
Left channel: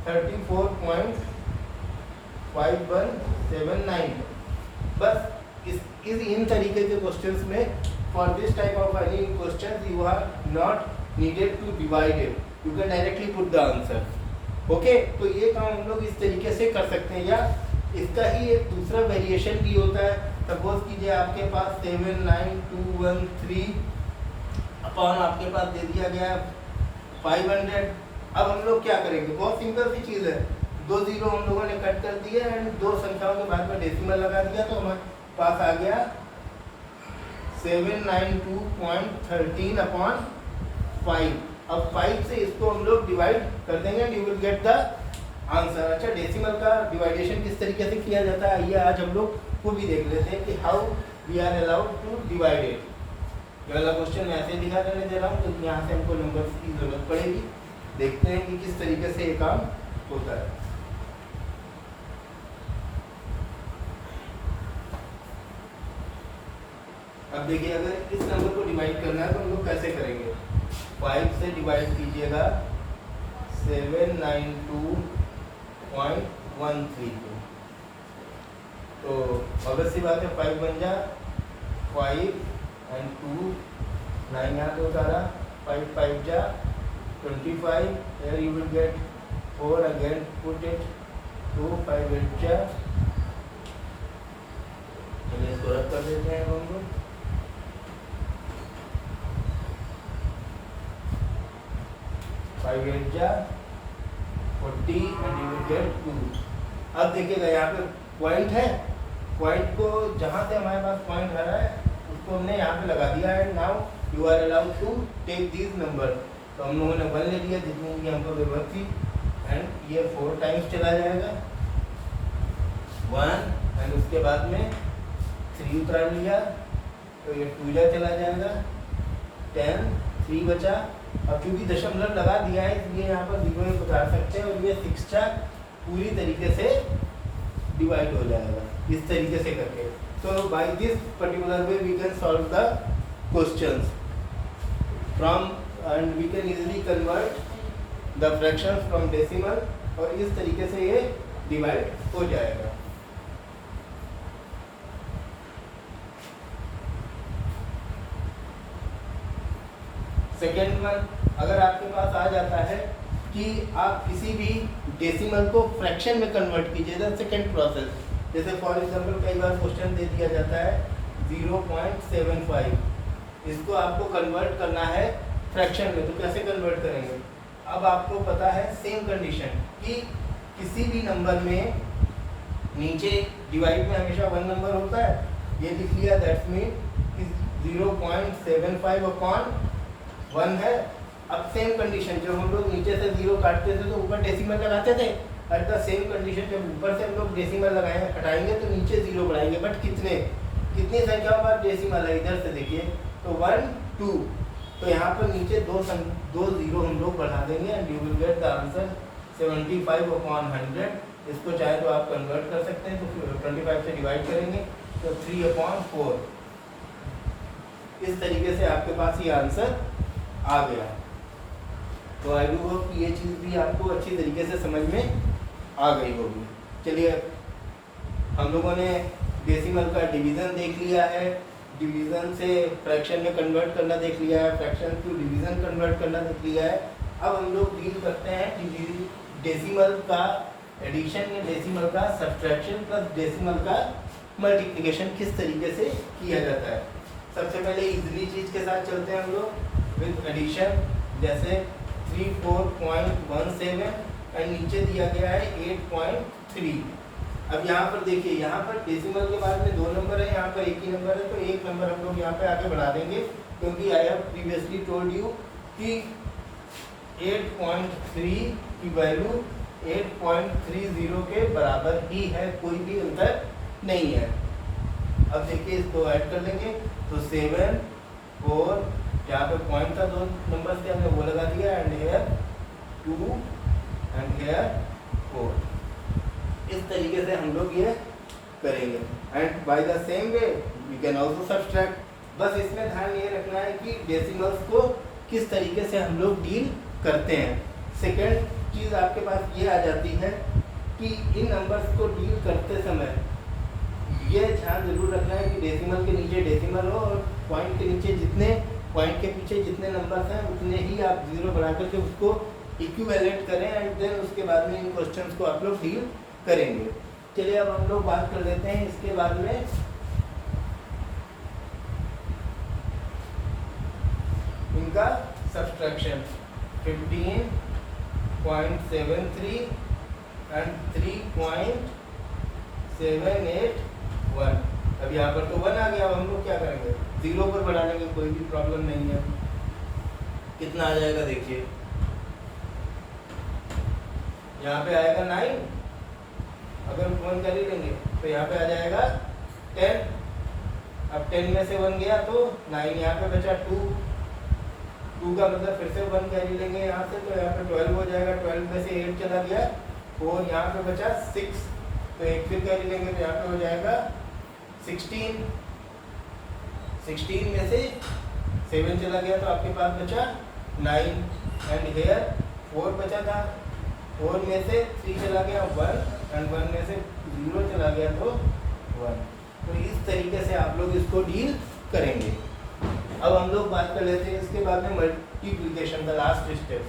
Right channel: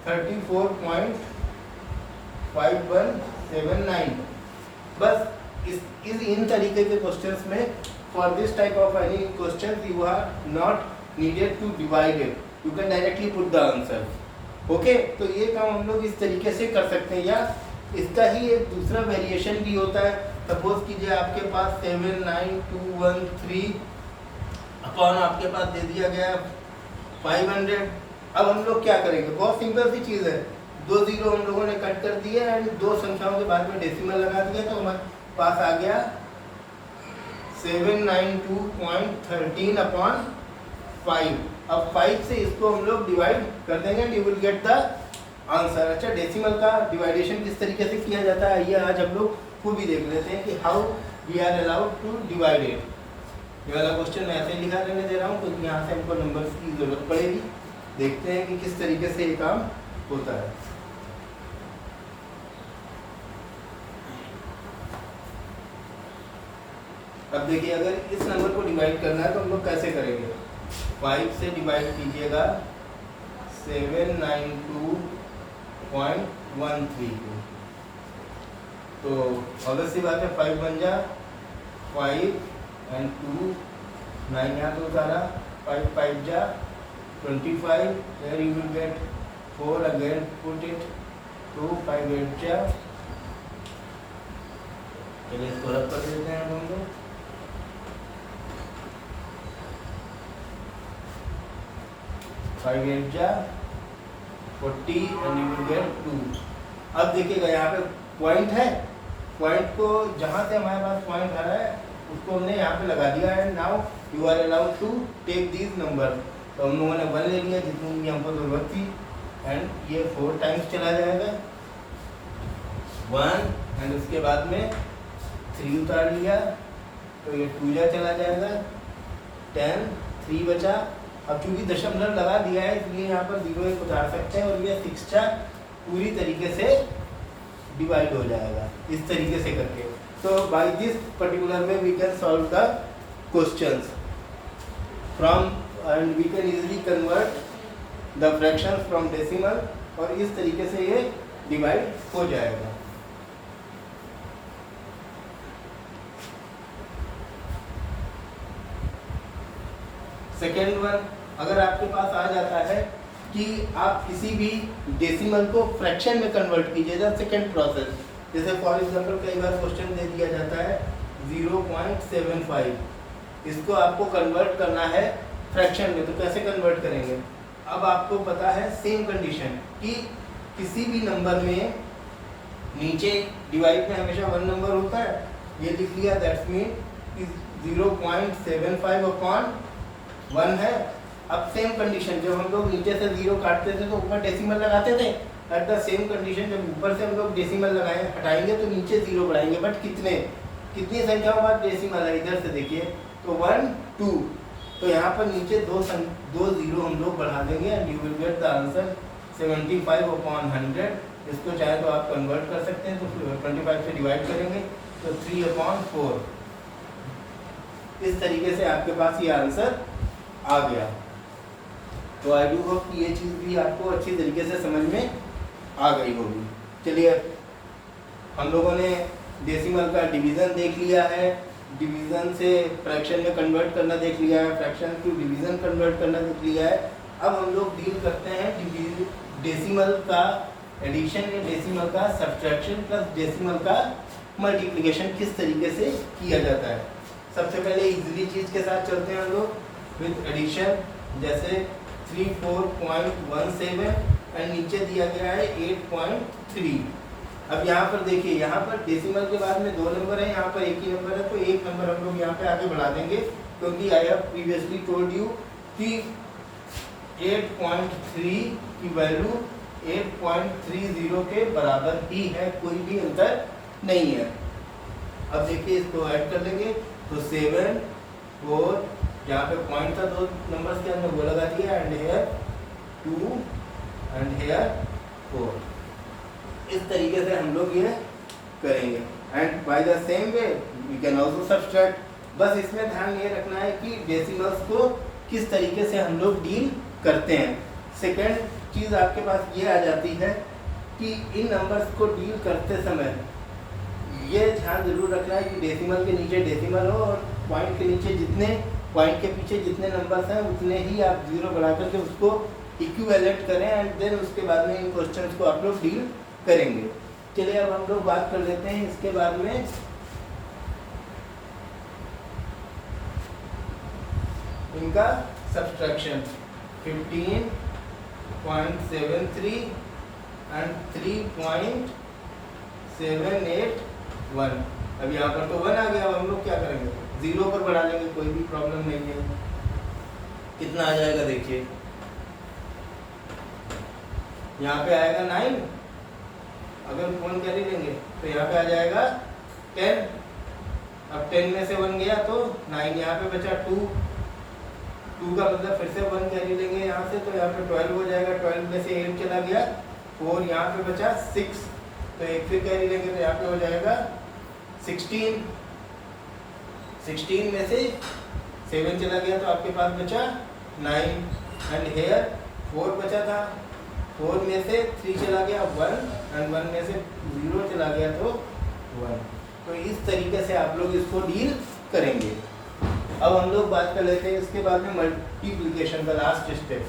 34.5179। बस इन तरीके के क्वेश्चंस में for this type of any question you are not needed to divide it, you can directly put the answer। Okay, तो ये काम हम लोग इस तरीके से कर सकते हैं। या इसका ही एक दूसरा वेरिएशन भी होता है। सपोज कीजिए आपके पास 79213 अपॉन आपके पास दे दिया गया 500। अब हम लोग क्या करेंगे, बहुत सिंपल सी चीज़ है, 2 जीरो हम लोगों ने कट कर दिए एंड 2 संख्याओं के बाद में डेसिमल लगा दिया, तो हमारे पास आ गया 792.13 अपॉन 5। अब 5 से इसको हम लोग डिवाइड कर देंगे and you will get the answer. अच्छा, डेसिमल का डिवाइडेशन किस तरीके से किया जाता है, आइए आज हम लोग वो भी देख लेते हैं कि how we are allowed to divide it. ये वाला क्वेश्चन मैं ऐसे लिखा करने दे रहा हूँ, तो यहाँ से हमको नंबर्स की जरूरत पड़ेगी। देखते हैं कि किस तरीके से ये काम होता है। अब देखिए, अगर इस नंबर को डिवाइड करना है तो हम लोग कैसे करेंगे, 5 से डिवाइड कीजिएगा 792.132, तो अगर सी बात है 5 बन जा 5 एंड 2 9 यहाँ पे उतारा, 5 5 जा 25, here you will get 4 again, put it 2 5 8 जा, चलिए इसको रब कर देते हैं हम लोग। 5 8 जा 40 and you will get 2। अब देखिएगा यहाँ पे पॉइंट है, पॉइंट को जहाँ से हमारे पास पॉइंट आ रहा है उसको हमने यहाँ पे लगा दिया है। Now you are allowed to take these number. तो हम लोगों ने 1 ले लिया जितनी भी हमको जरूरत थी एंड ये 4 टाइम्स चला जाएगा 1 एंड उसके बाद में 3 उतार लिया, तो ये 2 जा चला जाएगा 10, 3 बचा। अब क्योंकि दशमलव लगा दिया है इसलिए यहाँ पर 0 1 उतार सकते हैं और ये 6 चा पूरी तरीके से डिवाइड हो जाएगा इस तरीके से करके। तो by this particular way we can solve the questions from and we can easily convert the fractions from decimal, और इस तरीके से ये डिवाइड हो जाएगा। सेकेंड वन, अगर आपके पास आ जाता है कि आप किसी भी डेसिमल को फ्रैक्शन में कन्वर्ट कीजिए, द सेकेंड प्रोसेस। जैसे फॉर एग्जांपल कई बार क्वेश्चन दे दिया जाता है 0.75, इसको आपको कन्वर्ट करना है फ्रैक्शन में, तो कैसे कन्वर्ट करेंगे। अब आपको पता है सेम कंडीशन कि किसी भी नंबर में नीचे डिवाइड में हमेशा 1 नंबर होता है, ये लिख लिया, दैट्स मीन 0.75 अपॉन 1 है। अब सेम कंडीशन, जब हम लोग नीचे से 0 काटते थे तो ऊपर डेसिमल लगाते थे, एट द सेम कंडीशन जब ऊपर से हम लोग डेसिमल लगाए हटाएंगे तो नीचे 0 बढ़ाएंगे, बट कितनी संख्याओं बाद डेसिमल है, इधर से देखिए, तो 1 2, तो यहाँ पर नीचे 2 0 हम लोग बढ़ा देंगे and you will get the answer 75 upon 100। इसको चाहे तो आप कन्वर्ट कर सकते हैं, तो 25 से डिवाइड करेंगे तो 3 अपॉन 4। इस तरीके से आपके पास ये आंसर आ गया। तो आई डू होप कि ये चीज़ भी आपको अच्छी तरीके से समझ में आ गई होगी। चलिए, हम लोगों ने डेसिमल का डिवीज़न देख लिया है, डिवीज़न से फ्रैक्शन में कन्वर्ट करना देख लिया है, फ्रैक्शन टू डिवीज़न कन्वर्ट करना देख लिया है। अब हम लोग डील करते हैं डेसिमल का एडिशन या डेसिमल का सब्ट्रैक्शन प्लस डेसिमल का मल्टीप्लिकेशन किस तरीके से किया जाता है। सबसे पहले इजीली चीज़ के साथ चलते हैं हम लोग विद एडिशन, जैसे 34.17 एंड नीचे दिया गया है 8.3। अब यहाँ पर देखिए, यहाँ पर डेसिमल के बाद में 2 नंबर है, यहाँ पर एक ही नंबर है, तो एक नंबर हम लोग यहाँ पे आगे बढ़ा देंगे, क्योंकि आई हैव प्रीवियसली टोल्ड यू कि 8.3 की वैल्यू 8.30 के बराबर ही है, कोई भी अंतर नहीं है। अब देखिए, इसको ऐड कर लेंगे तो 7 4, यहाँ पे पॉइंट था 2 नंबर्स के अंदर, वो लगा दिया, एंड हेयर 2 एंड हेयर 4। इस तरीके से हम लोग ये करेंगे and by the same way we can also subtract. बस इसमें ध्यान ये रखना है कि डेसिमल्स को किस तरीके से हम लोग डील करते हैं। सेकेंड चीज़ आपके पास ये आ जाती है कि इन नंबर्स को डील करते समय ये ध्यान जरूर रखना है कि डेसिमल के नीचे डेसिमल हो और पॉइंट के नीचे पॉइंट के पीछे जितने नंबर्स हैं उतने ही आप 0 बढ़ा करके उसको इक्विवेलेंट करें एंड देन उसके बाद में इन क्वेश्चंस को आप लोग डील करेंगे। चलिए अब हम लोग बात कर लेते हैं इसके बाद में इनका सब्सट्रैक्शन 15.73 एंड 3.781। अब यहाँ पर तो 1 आ गया, अब हम लोग क्या करेंगे 0 पर बढ़ा लेंगे, कोई भी प्रॉब्लम नहीं है। कितना आ जाएगा देखिए, यहाँ पे आएगा 9, अगर 1 कर ही लेंगे तो यहाँ पे आ जाएगा 10। अब 10 में से 1 गया तो 9, यहाँ पे बचा 2 का मतलब फिर से 1 कैरी लेंगे यहाँ से, तो यहाँ पे 12 हो जाएगा। 12 में से 8 चला गया, 4 यहाँ पे बचा 6, तो एक फिर कैरी लेंगे तो यहाँ पे हो जाएगा 16। 16 में से 7 चला गया तो आपके पास बचा 9 एंड हेयर 4 बचा था, 4 में से 3 चला गया 1 एंड 1 में से 0 चला गया तो 1। तो इस तरीके से आप लोग इसको डील करेंगे। अब हम लोग बात कर लेते हैं इसके बाद में मल्टीप्लिकेशन का लास्ट स्टेप।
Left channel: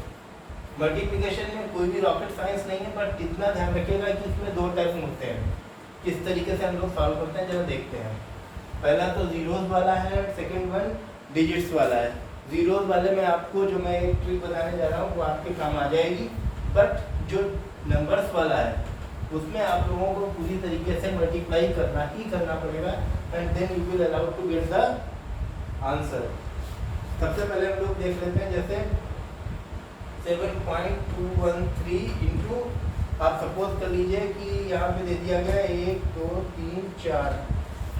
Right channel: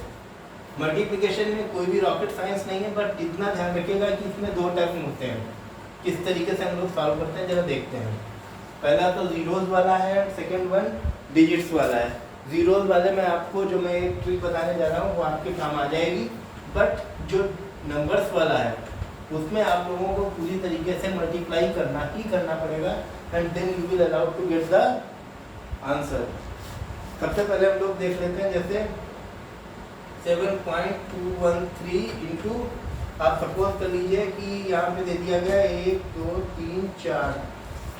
मल्टीप्लिकेशन में कोई भी रॉकेट साइंस नहीं है, बट इतना ध्यान रखिएगा कि इसमें 2 टर्म होते हैं। किस तरीके से हम लोग सॉल्व करते हैं जरा देखते हैं। पहला तो जीरोज वाला है और सेकंड वन डिजिट्स वाला है। जीरोज वाले में आपको जो मैं एक ट्रिक बताने जा रहा हूँ वो आपके काम आ जाएगी, बट जो नंबर्स वाला है उसमें आप लोगों को पूरी तरीके से मल्टीप्लाई करना ही करना पड़ेगा and then you will allowed to get the answer. सबसे पहले हम लोग देख लेते हैं, जैसे 7.213 इंटू, आप सपोज कर लीजिए कि यहाँ पे दे दिया गया 1 2 3 4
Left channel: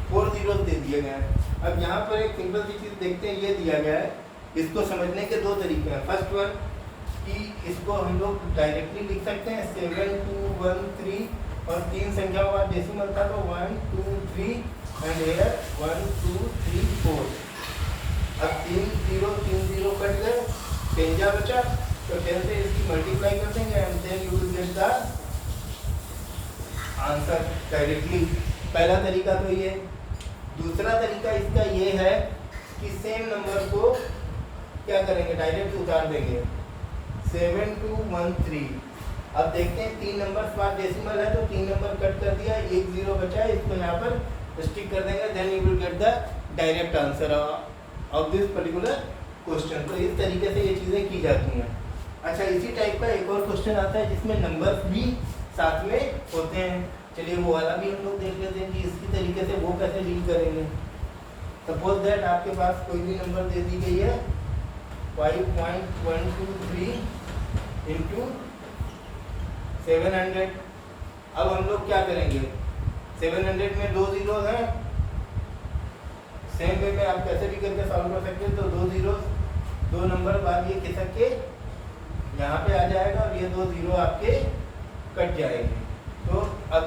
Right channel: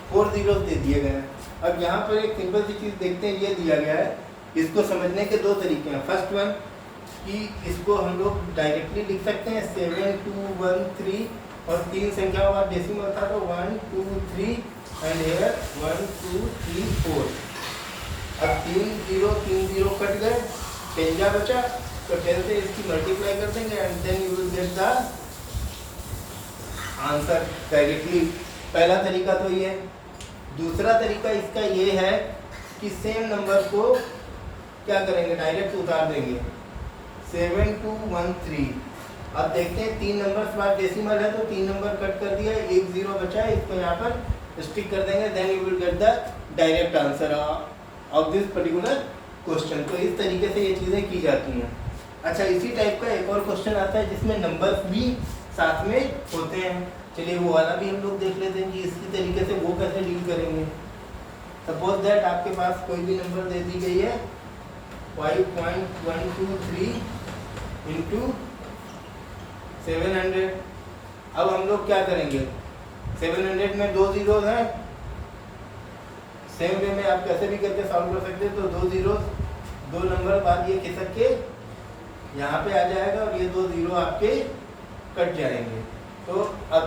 4 जीरोस दे दिए गए हैं। अब यहाँ पर एक सिंपल सी चीज़ देखते हैं, ये दिया गया है। इसको समझने के 2 तरीके हैं। फर्स्ट वन कि इसको हम लोग डायरेक्टली लिख सकते हैं 7213 और 3 संख्याओं का डेसिमल था तो 1 2 3 एंड हियर 1 2 3 4। अब 3 0 कट गए, 10 बचा, तो 10 से इसकी मल्टीप्लाई कर देंगे and then you will get the answer directly. पहला तरीका तो ये। दूसरा तरीका इसका ये है कि सेम नंबर को क्या करेंगे, डायरेक्ट उतार देंगे 7213। अब देखते हैं 3 नंबर बाद डेसिमल है तो 3 नंबर कट कर दिया, 1 0 बचा है, इसको यहाँ पर स्टिक कर देंगे, then you will get the direct answer of this particular question. तो इस तरीके से ये चीज़ें की जाती हैं। अच्छा, इसी टाइप का एक और क्वेश्चन आता है जिसमें नंबर्स भी साथ में होते हैं। चलिए वो वाला भी हम लोग देख लेते हैं कि इसी तरीके से वो कैसे डील करेंगे। सपोज दैट आपके पास कोई भी नंबर दे दी गई है 5.123 इंटू 700। अब हम लोग क्या करेंगे, 700 में 2 जीरोस हैं, सेम वे में आप कैसे भी करके सॉल्व कर सकते हैं। तो 2 जीरोस 2 नंबर बाद ये खिसक के यहाँ पे आ जाएगा और ये 2 जीरो आपके कट जाएंगे। तो अब